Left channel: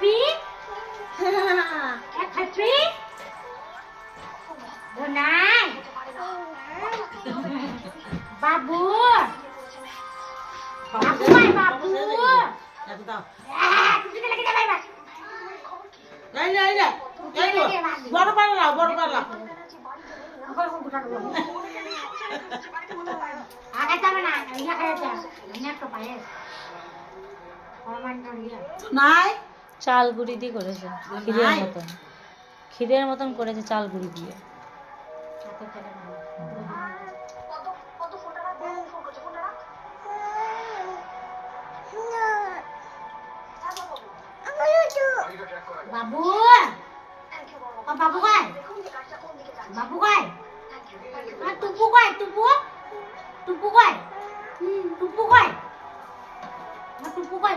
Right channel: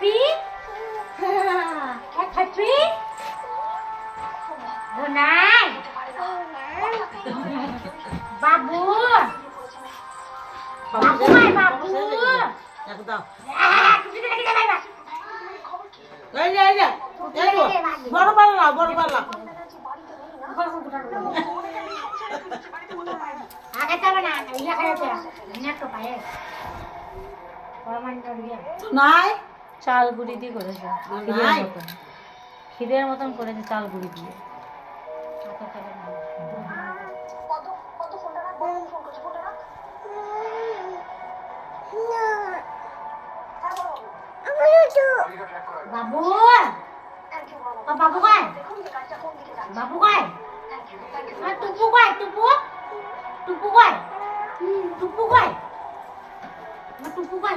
Happy happy নাই বাবু বাবু বাবু বড় পাল্লা বড় পাল্লা আগে যাবে না ইয়া খাইতে না তো পায়ে নাই চাল গুঁড়ি দিয়ে করেছে ক্ষীরের মতন করেছে চাল গুঁড়ি দিয়ে। বাবু বাবু কই বাবু কই টুপু কই টুপু টুপু কই টুপু কই টুপু কই